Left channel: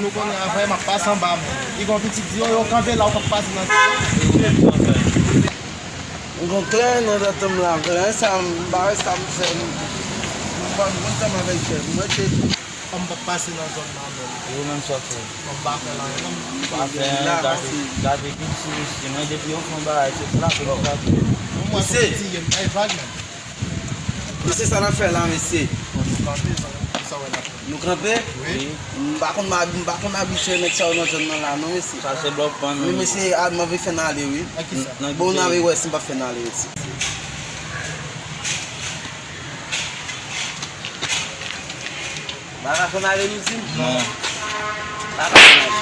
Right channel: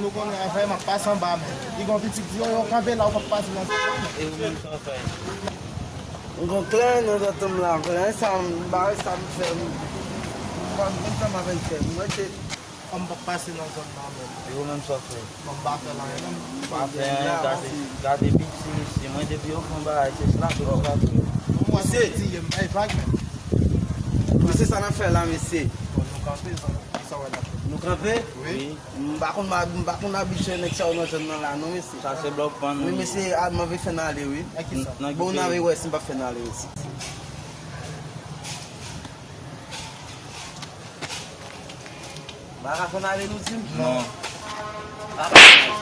nous connaissons après, ma passe en bas. Ils vont petit dire, on campé là, on passe dans Gon klan nou dat hem la, klan sa mbare sa mse, mban kontem avek el, mwen te on va passer dans zone là. Eu mesmo só fui. On va faire là. Gardei 25 mas depois eu fui embora, você fraco, Moi, c'est dit, il y a une vague. mwen se sa nan fe la mese, On nous campé ça. Ça, on a. nou kampe, Oui. mbakon abishe nek sa ou nan zon nan la, nou mese. Ça c'est bloc pour Mwen mese ad ma ve fen ale we, À qui ça? bon nan we wè si mba fen ale we si. Ba ka fen ale we si? Non. Ba ka fen ale.